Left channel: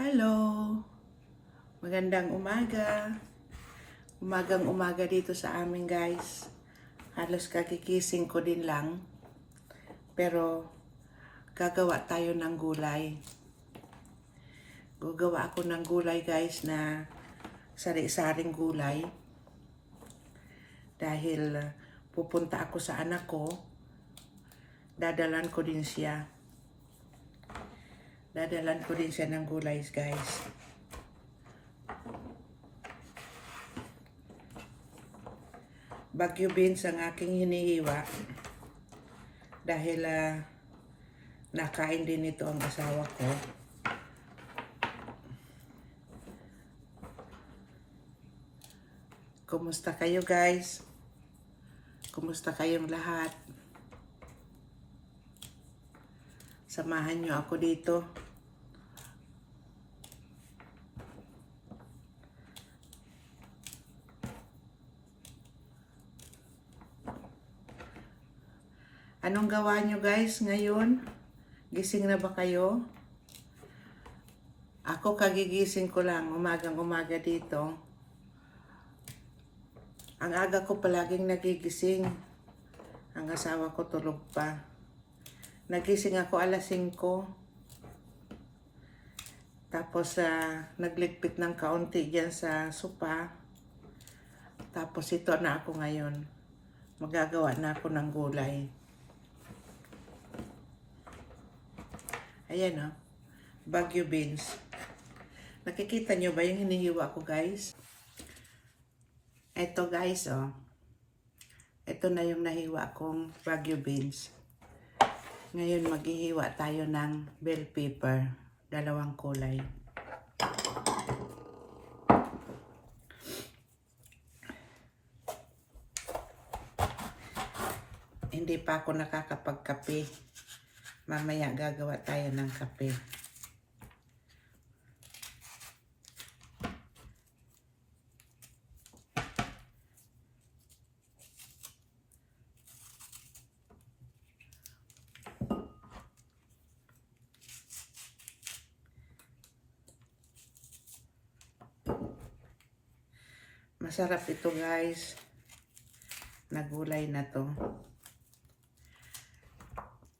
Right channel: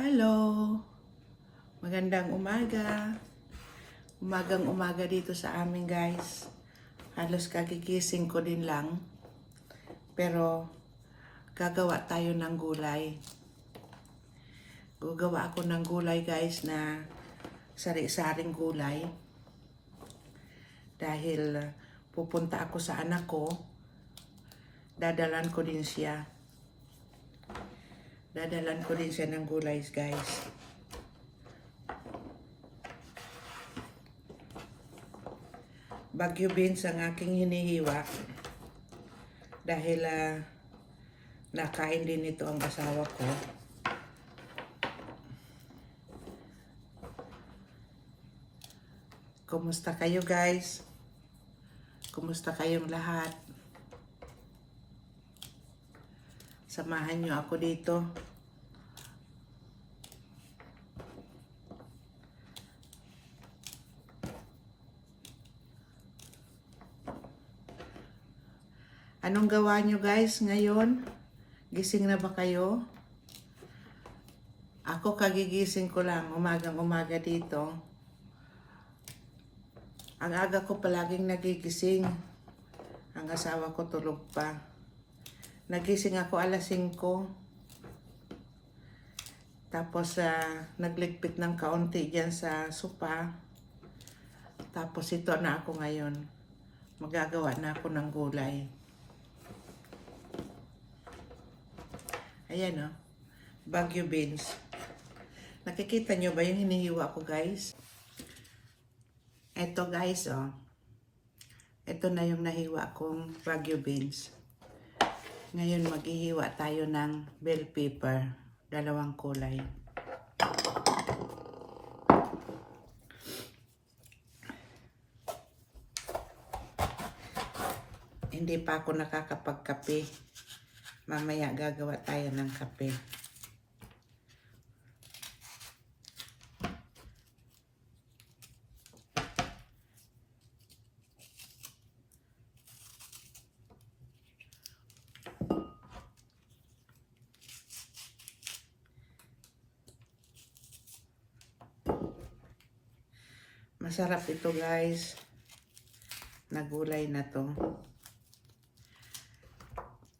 Hello! Magandang umaga. Umagang umaga dito sa amin, guys. Halos kagigising ko din lang. Pero gagawa tayo ng gulay. Gagawa ako ng gulay, guys, na sari-saring gulay. Dahil pupunta ako sa anak ko, dadalan ko din siya. Dadalan ko din siya ng gulay, guys. Bagyo beans ang aking hinihiwa. Dahil nakain din ito ang asawa ko. Kumusta kayo, guys? Kumusta kayong lahat? Samahan nyo ako dito. Anong gawa nyo, guys, ngayon? Gising na ba kayo? Ako kagigising ko lang, umagang-umaga dito. Ang aga ko palaging nagigising. Ang asawa ko tulog pa. Nagising ako alas 5. Tapos nagligpit ng kaunti dyan sa sopa. Tapos ito na ako ngayon. Magagawa na ako ng gulay. Ayan, Bagyo beans. Nakikita nyo ba yung hinihiwa ko, guys? Ito, guys, Ito na yung nahiwa kong Bagyo beans. Ngayon maghihiwa tayo ng bell pepper, 2 kulay. Hindi pa ako nakakapagkape. Mamaya gagawa tayo ng kape. Masarap ito, guys. Nagulay na to.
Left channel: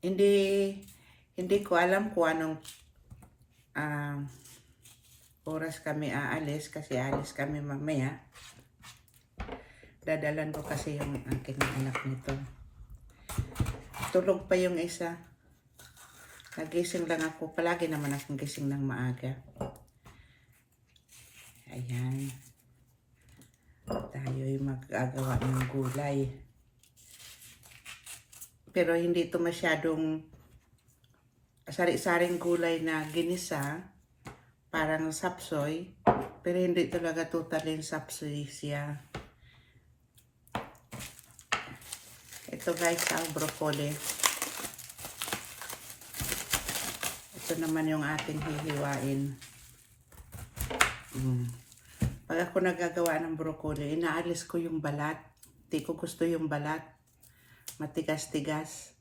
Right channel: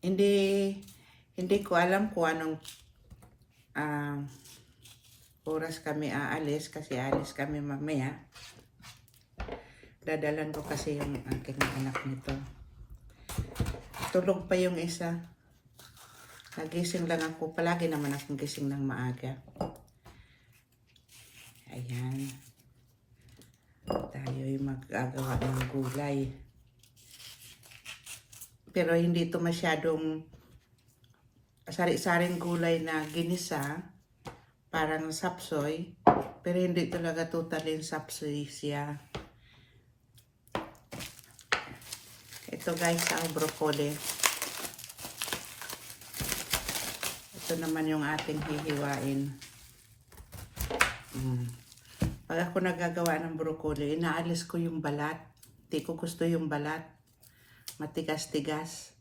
Hindi ko alam kung anong oras kami aalis kasi aalis kami mamaya. Dadalan ko kasi yung aking anak nito. Tulog pa yung isa. Nagising lang ako. Palagi naman akong gising ng maaga. Ayan. Tayo'y magagawa ng gulay. Pero hindi ito masyadong sari-saring gulay na ginisa. Parang sapsoy. Pero hindi talaga totally sapsoy siya. Ito, guys, ang broccoli. Ito naman yung ating hihiwain. Pag ako nagagawa ng broccoli, inaalis ko yung balat. Hindi ko gusto yung balat. Matigas-tigas.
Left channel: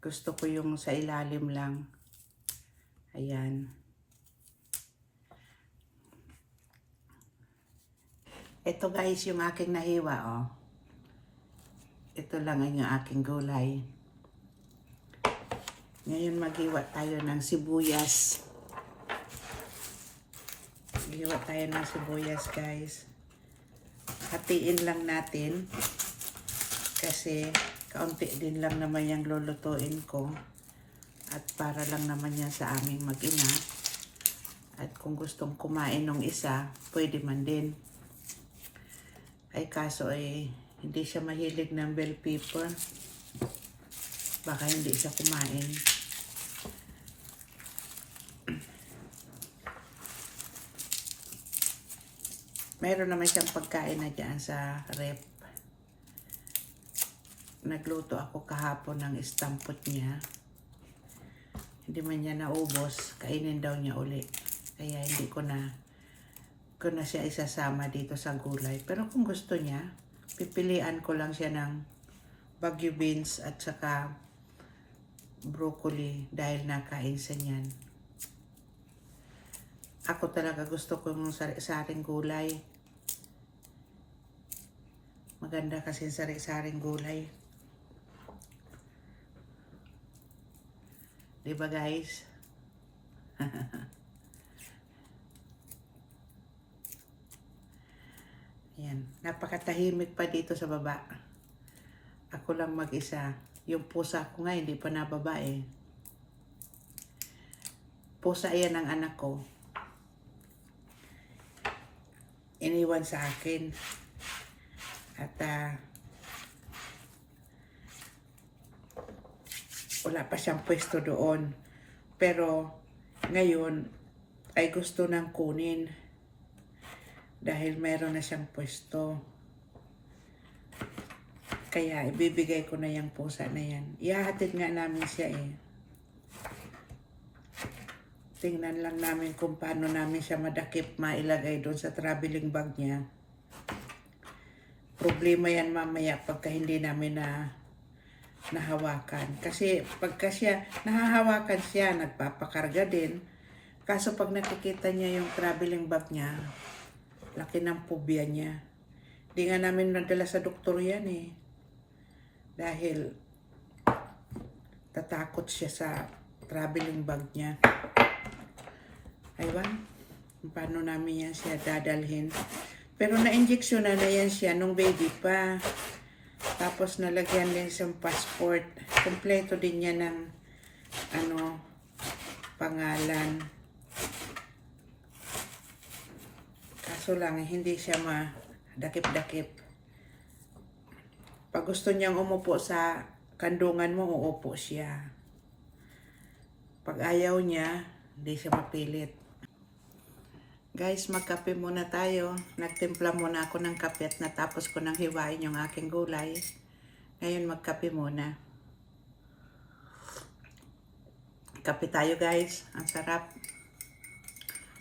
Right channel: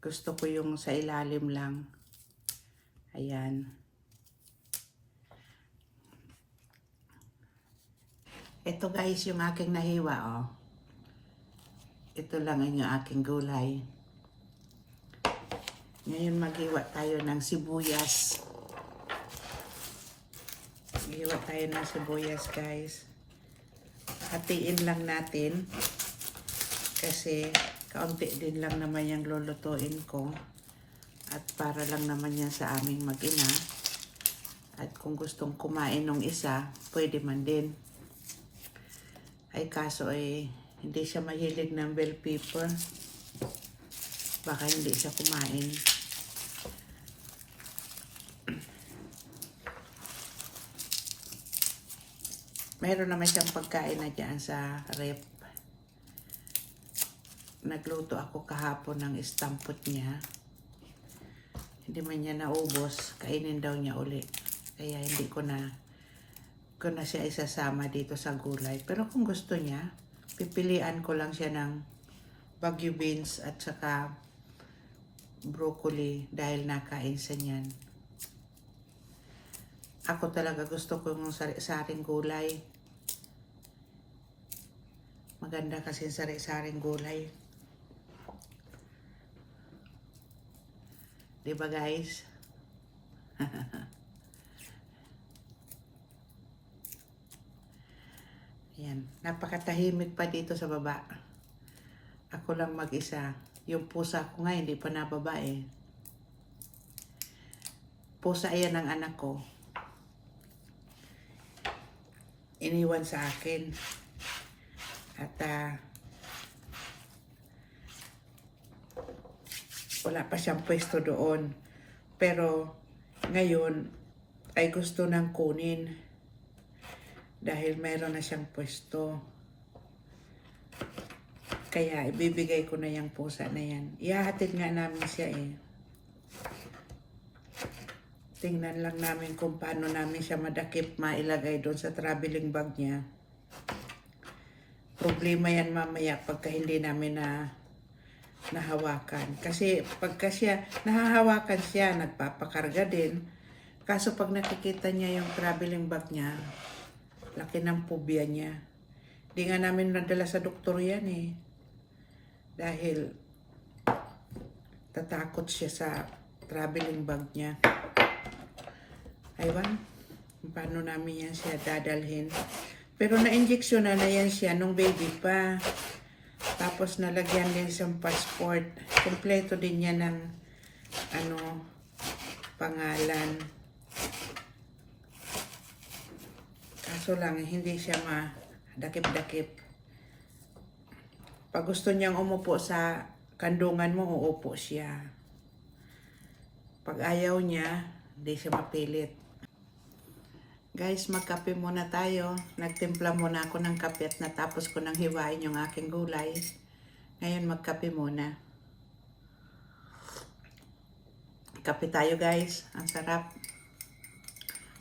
Gusto ko yung sa ilalim lang. Ayan. Ito, guys, yung aking nahiwa, Ito lang yung aking gulay. Ngayon maghiwa tayo ng sibuyas. Maghiwa tayo ng sibuyas, guys. Hatiin lang natin. Kasi kaunti din lang naman yung lulutuin ko. At para lang naman yan sa aming mag-ina. At kung gustong kumain ng isa, pwede man din. Ay kaso hindi siya mahilig ng bell pepper. Baka hindi siya kumain. Mayroon naman siyang pagkain na dyan sa rep. Nagluto ako kahapon ng istampot niya. Hindi man niya naubos. Kainin daw niya uli. Kaya hindi ko na siya isasama dito sa gulay. Pero kung gusto niya, pipilian ko lang siya ng Bagyo beans at saka broccoli dahil nakain sa niyan. Ako talaga gusto ko yung sari-saring gulay. Maganda kasi sari-saring gulay. Diba guys? Yan. Napakatahimik pa dito sa baba. Ako lang mag-isa. Yung pusa ko nga hindi pa nababa eh. Pusa yan ng anak ko. Iniwan sa akin. At wala pa siyang pwesto doon. Pero ngayon ay gusto nang kunin dahil mayroon na siyang pwesto. Kaya ibibigay ko na yung pusa na yan. Ihahatid nga namin siya eh. Tingnan lang namin kung paano namin siya madakip mailagay doon sa traveling bag niya. Problema yan mamaya pagka hindi namin nahawakan. Kasi pagka siya, nahahawakan siya, nagpapakarga din. Kaso pag nakikita niya yung traveling bag niya, laki ng phobia niya. Di nga namin nadala sa doktor yan eh. Dahil tatakot siya sa traveling bag niya. Aywan, paano namin yan siya dadalhin. Pero na-injection na yan siya nung baby pa. Tapos nalagyan din siyang passport. Kompleto din niya ng pangalan. Kaso lang, hindi siya madakip-dakip. Pag gusto niyang umupo sa kandungan mo, uupo siya. Pag ayaw niya, hindi siya mapilit. Guys, magkape muna tayo. Nagtimpla muna ako ng kape at natapos ko nang hiwain yung aking gulay. Ngayon magkape muna. Kape tayo guys. Ang sarap.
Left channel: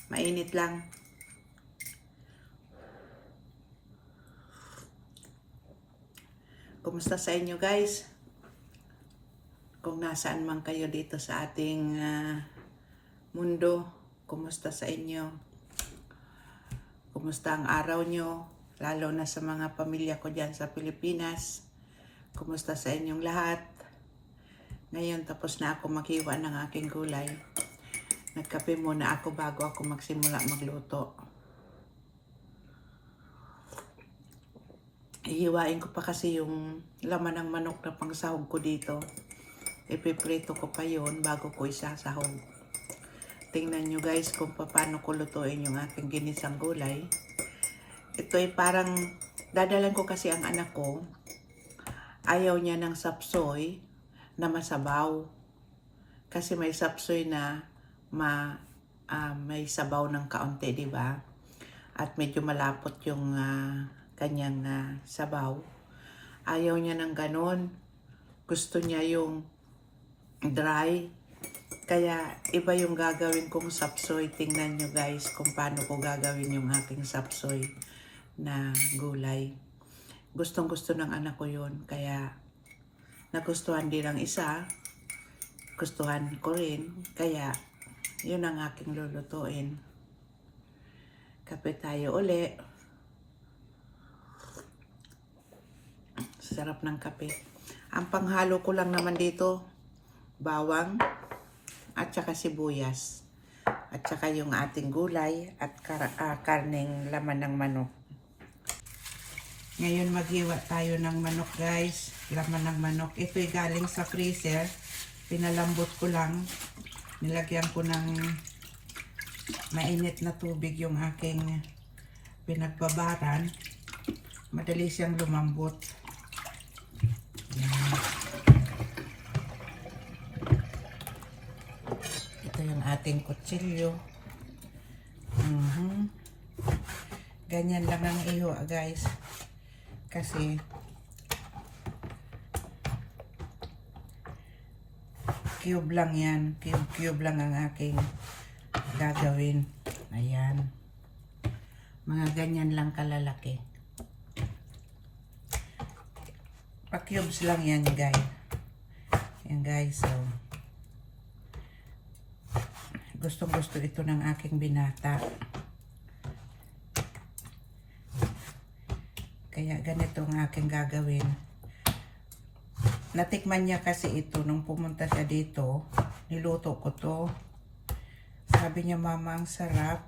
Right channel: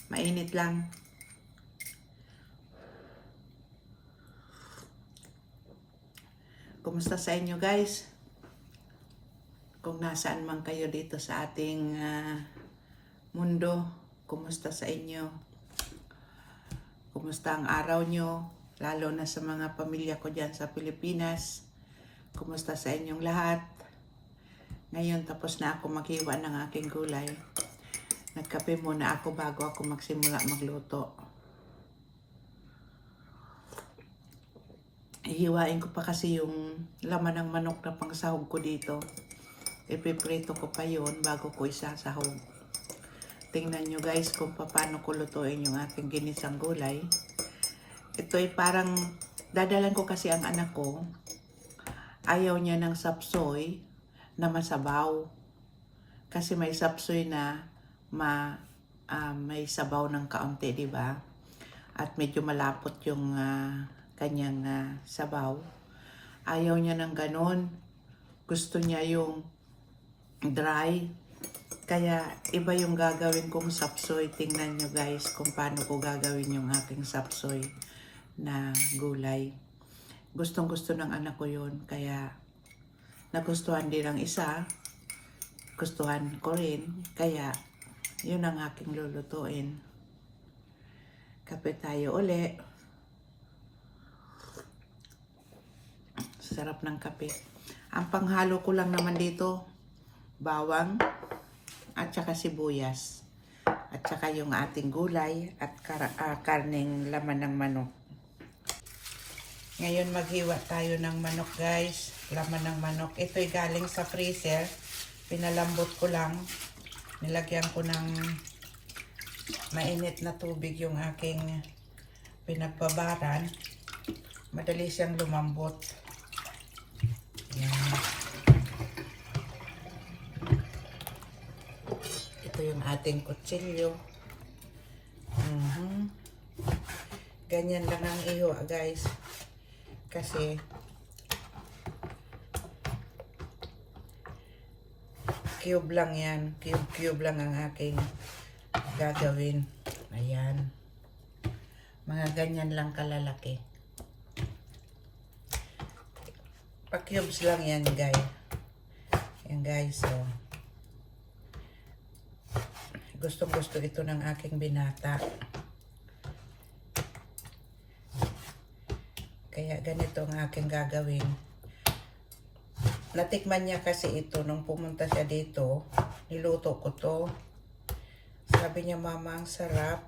Mainit lang. Kumusta sa inyo guys? Kung nasaan man kayo dito sa ating mundo, kumusta sa inyo? Kumusta ang araw nyo? Lalo na sa mga pamilya ko dyan sa Pilipinas. Kumusta sa inyong lahat? Ngayon tapos na ako maghiwa ng aking gulay. Nagkape muna ako bago ako magsimula magluto. Ihiwain ko pa kasi yung laman ng manok na pangsahog ko dito. Ipiprito ko pa yon bago ko isasahog. Tingnan nyo guys kung paano ko lutuin yung aking ginisang gulay. Ito ay parang, dadalan ko kasi ang anak ko. Ayaw niya ng sapsoy na masabaw. Kasi may sapsoy na may sabaw ng kaunti, di ba? At medyo malapot yung kanyang sabaw. Ayaw niya ng ganon. Gusto niya yung dry. Kaya iba yung gagawin kong sapsoy. Tingnan nyo guys kung paano ko gagawin yung aking sapsoy na gulay. Gustong gusto ng anak ko yun. Kaya nagustuhan din ang isa. Gustuhan ko rin. Kaya yun ang aking lulutuin. Kape tayo uli. Sarap ng kape. Ang panghalo ko lang naman dito, bawang at saka sibuyas. At saka yung ating gulay at karneng laman ng manok. Ngayon maghiwa tayo ng manok guys. Laman ng manok. Ito'y galing sa freezer. Pinalambot ko lang. Nilagyan ko ng mainit na tubig yung aking pinagbabaran. Madali siyang lumambot. Yan. Ito yung ating kutsilyo. Ganyan lang ang iwa guys. Kasi cube lang yan. Cube lang ang aking gagawin. Ayan. Mga ganyan lang kalalaki. Pa-cubes lang yan guys. Yan guys. So, Gustong-gusto ito ng aking binata. Kaya ganito ang aking gagawin. Natikman niya kasi ito nung pumunta siya dito. Niluto ko to. Sabi niya, mama, ang sarap.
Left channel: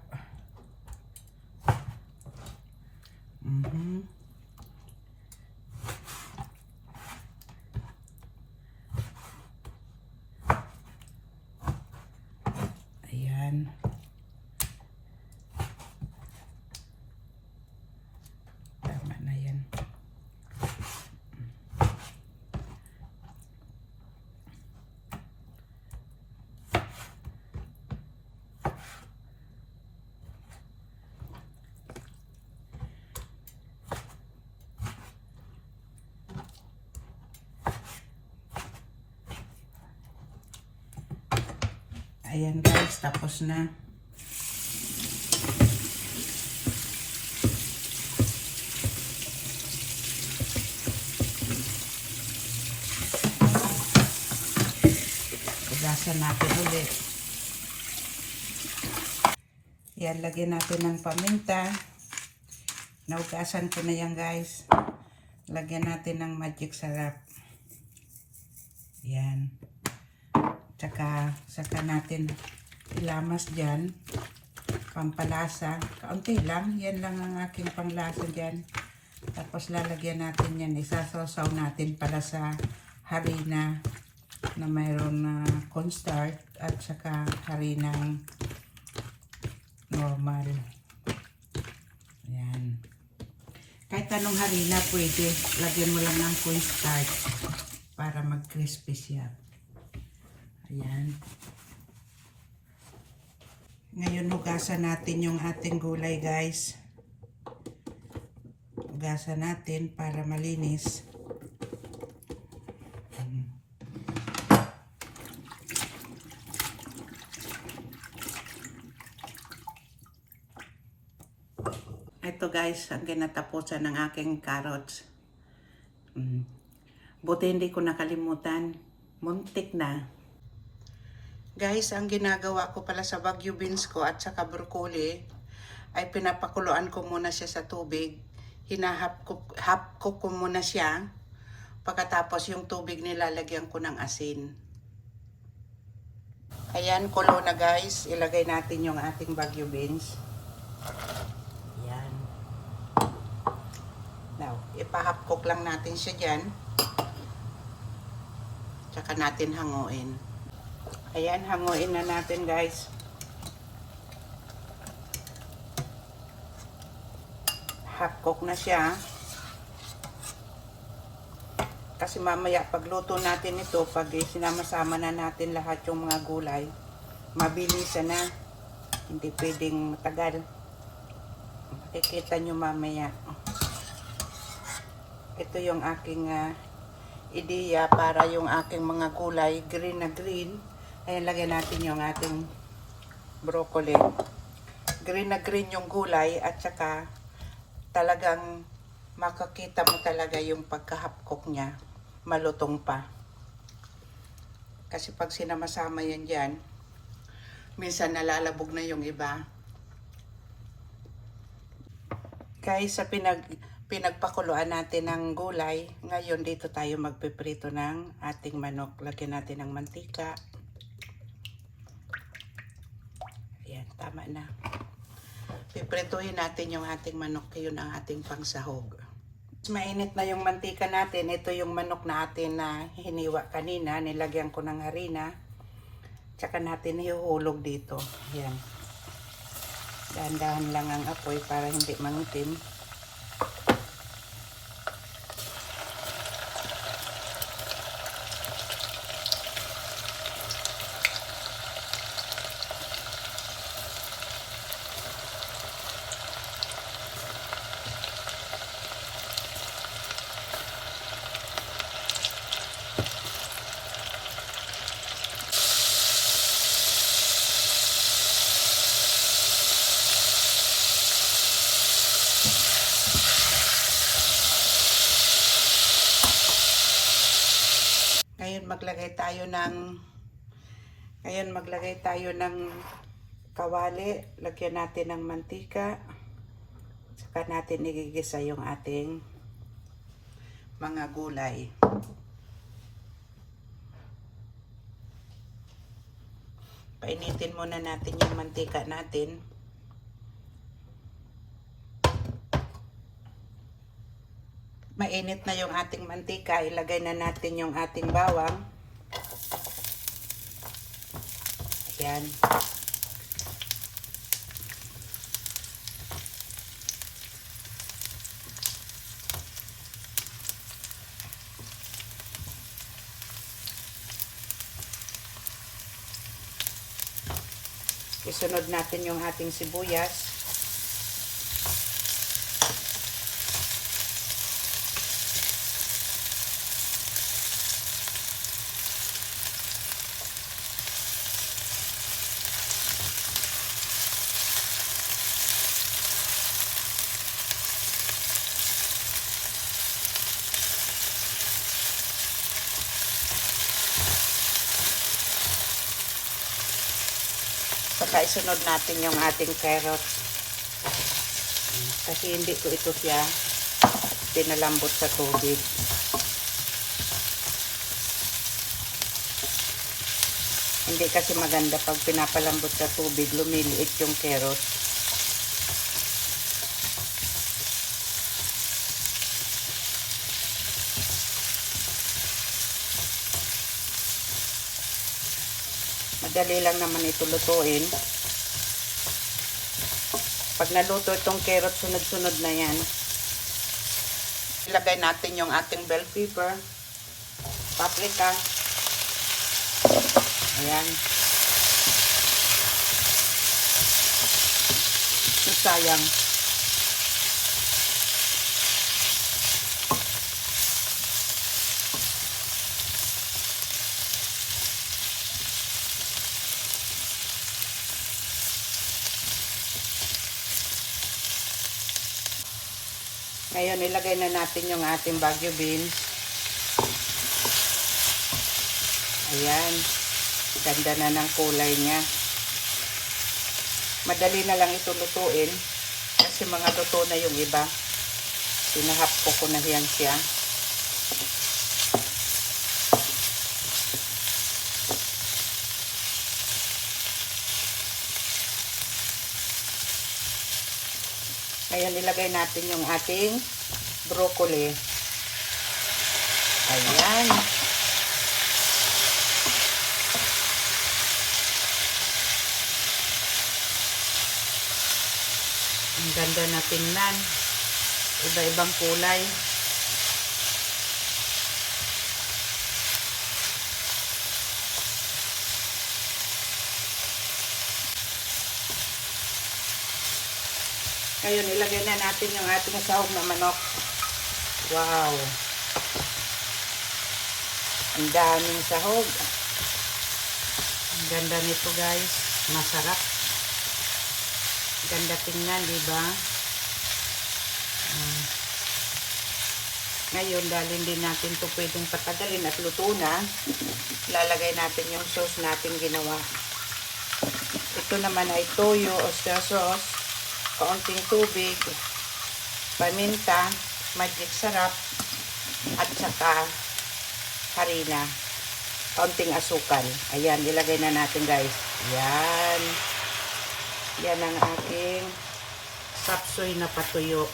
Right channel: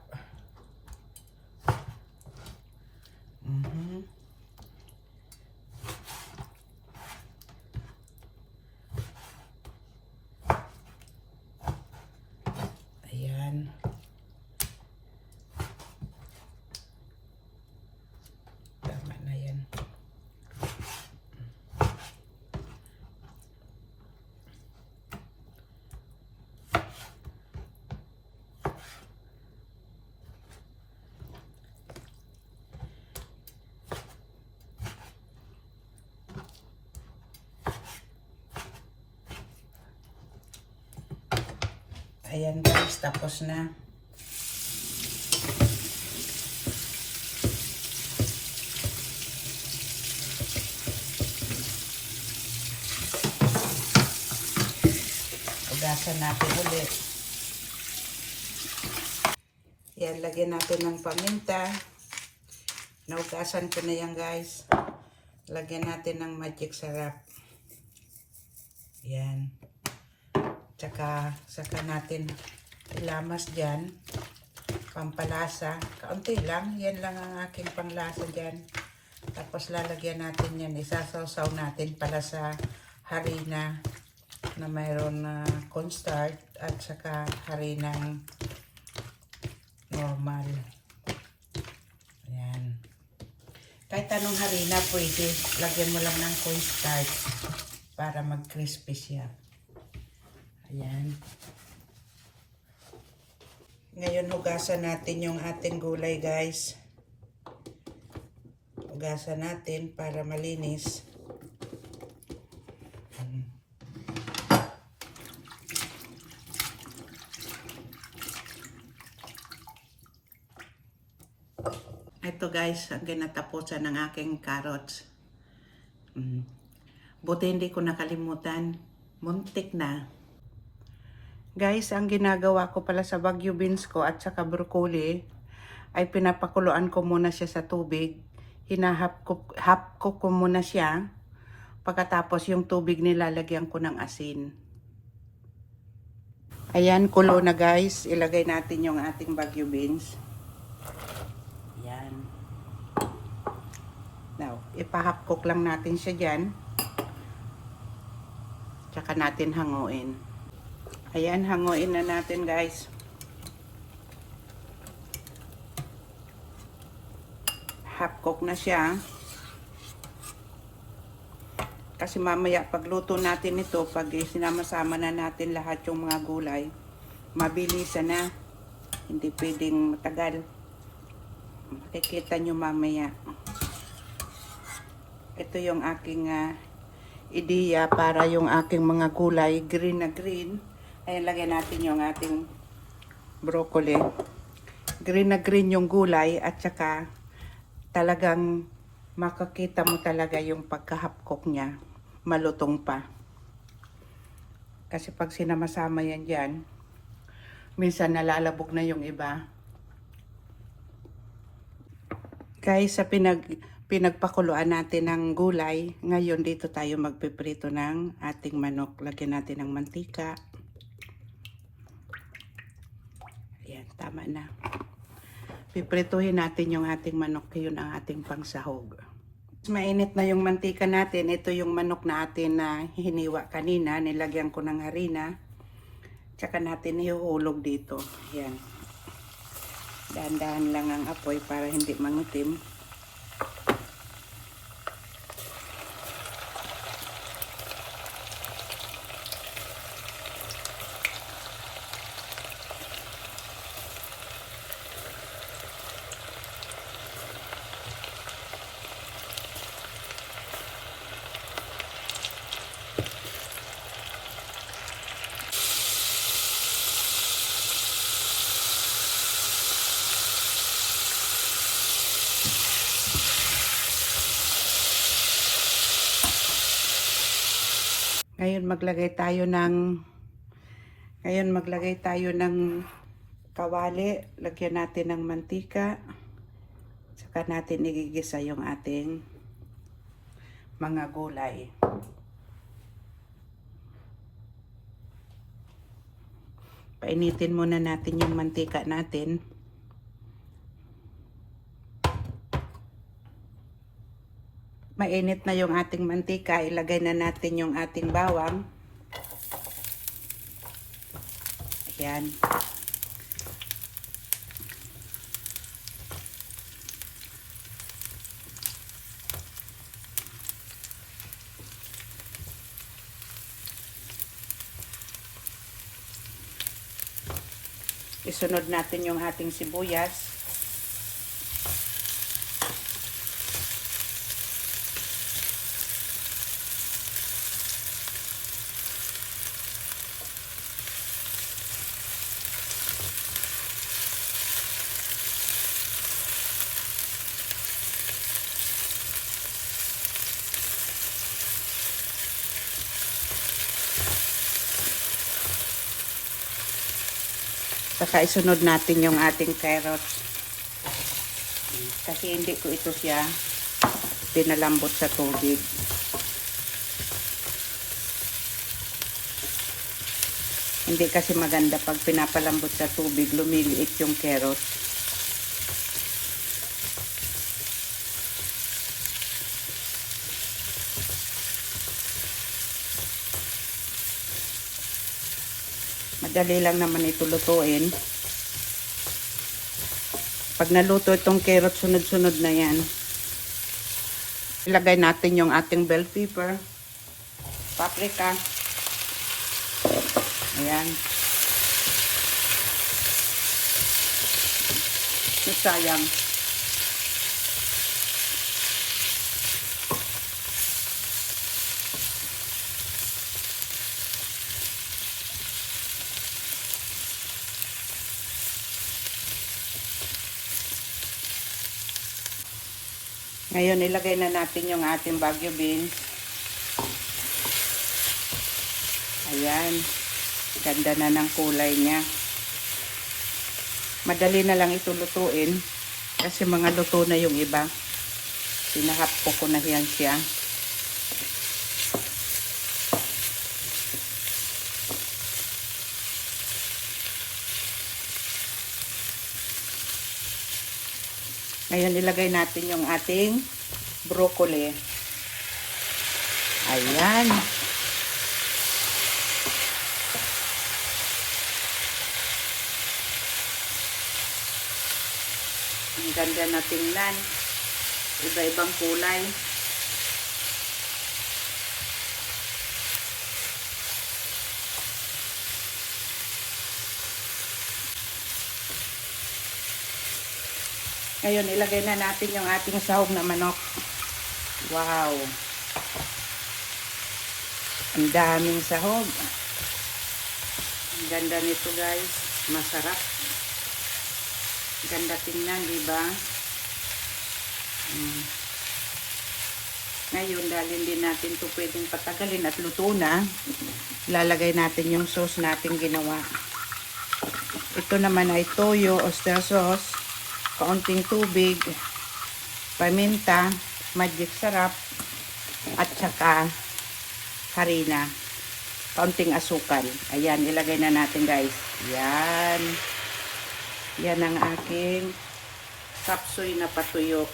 Ayan. Tama na yan. Ayan guys, tapos na. Ugasan natin ulit. Yan, lagyan natin ng paminta. Naugasan ko na yan guys. Lagyan natin ng magic sarap. Yan. Saka natin ilamas dyan. Pampalasa. Kaunti lang. Yan lang ang aking panglasa dyan. Tapos lalagyan natin yan. Isasawsaw natin pala sa harina na mayroon na cornstarch at saka harinang normal. Ayan. Kahit anong harina pwede. Lagyan mo lang ng cornstarch para mag-crispy siya. Ayan. Ngayon hugasan natin yung ating gulay guys. Hugasan natin para malinis. Ito guys, ang ginatapusan ng aking carrots. Buti hindi ko nakalimutan. Muntik na. Guys, ang ginagawa ko pala sa Baguio beans ko at saka broccoli ay pinapakuluan ko muna siya sa tubig. Hinahap ko muna siya. Pagkatapos yung tubig nilalagyan ko ng asin. Ayan, kulo na guys. Ilagay natin yung ating Baguio beans. Ayan. Now, ipahapkok lang natin siya dyan. Tsaka natin hanguin. Ayan, hanguin na natin guys. Half-cook na siya. Kasi mamaya pagluto natin ito, pag sinama-sama na natin lahat yung mga gulay, mabilisan na. Hindi pwedeng matagal. Makikita nyo mamaya. Ito yung aking ideya para yung aking mga gulay, green na green. Ayan, lagyan natin yung ating broccoli. Green na green yung gulay at saka talagang makakita mo talaga yung pagkahapkok niya. Malutong pa. Kasi pag sinama-sama yan dyan, minsan nalalabog na yung iba. Guys, sa pinagpakuluan natin ng gulay, ngayon dito tayo magpiprito ng ating manok. Lagyan natin ng mantika. Tama na. Piprituhin natin yung ating manok. Yun ang ating pangsahog. Mainit na yung mantika natin. Ito yung manok na atin na hiniwa kanina. Nilagyan ko ng harina. Tsaka natin ihuhulog dito. Ayan. Dahan-dahan lang ang apoy para hindi mangitim. Ngayon maglagay tayo ng kawali, lagyan natin ng mantika. Saka natin igigisa yung ating mga gulay. Painitin muna natin yung mantika natin. Mainit na yung ating mantika, ilagay na natin yung ating bawang. Ayan. Isunod natin yung ating sibuyas. Saka isunod natin yung ating carrots. Kasi hindi ko ito siya pinalambot sa tubig. Hindi kasi maganda pag pinapalambot sa tubig, lumiliit yung carrots. Madali lang naman ito lutuin. Pag naluto itong carrot, sunod-sunod na yan. Ilagay natin yung ating bell pepper, paprika. Ayan. Sayang. Ngayon, ilagay na natin yung ating Baguio beans. Ayan. Ganda na ng kulay niya. Madali na lang ito lutuin. Kasi mga luto na yung iba. Pinahapto ko na yan siya. Ngayon, ilagay natin yung ating broccoli. Ayan. Ang ganda na tingnan. Iba-ibang kulay. Ngayon, ilagay na natin yung ating sahog na manok. Wow! Ang daming sahog. Ang ganda nito, guys. Masarap. Ganda tingnan, diba? Ngayon, dahil hindi natin ito pwedeng patagalin at luto na, lalagay natin yung sauce natin ginawa. Ito naman ay toyo, oyster sauce, kaunting tubig, paminta, magic sarap, at saka harina, kaunting asukal. Ayan, ilagay na natin, guys. Ayan. Yan ang aking sapsoy na patuyo.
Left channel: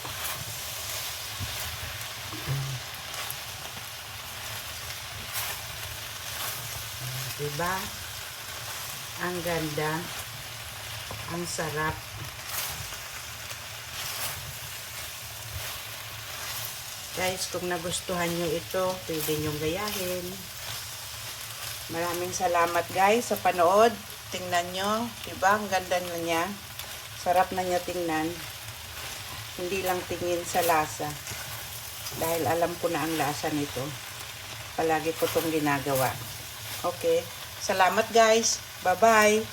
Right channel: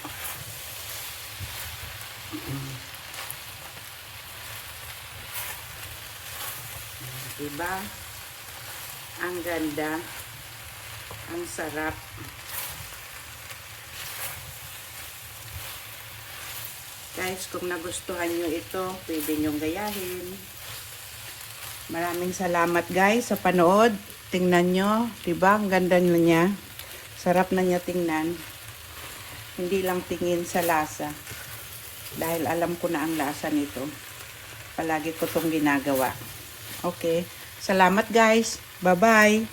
Diba? Ang ganda. Ang sarap. Guys, kung nagustuhan nyo ito, pwede nyong gayahin. Maraming salamat, guys, sa panood. Tingnan nyo, diba? Ang ganda na niya. Sarap na niya tingnan. Hindi lang tingin sa lasa. Dahil alam ko na ang lasa nito. Palagi ko itong ginagawa. Okay. Salamat, guys. Bye-bye.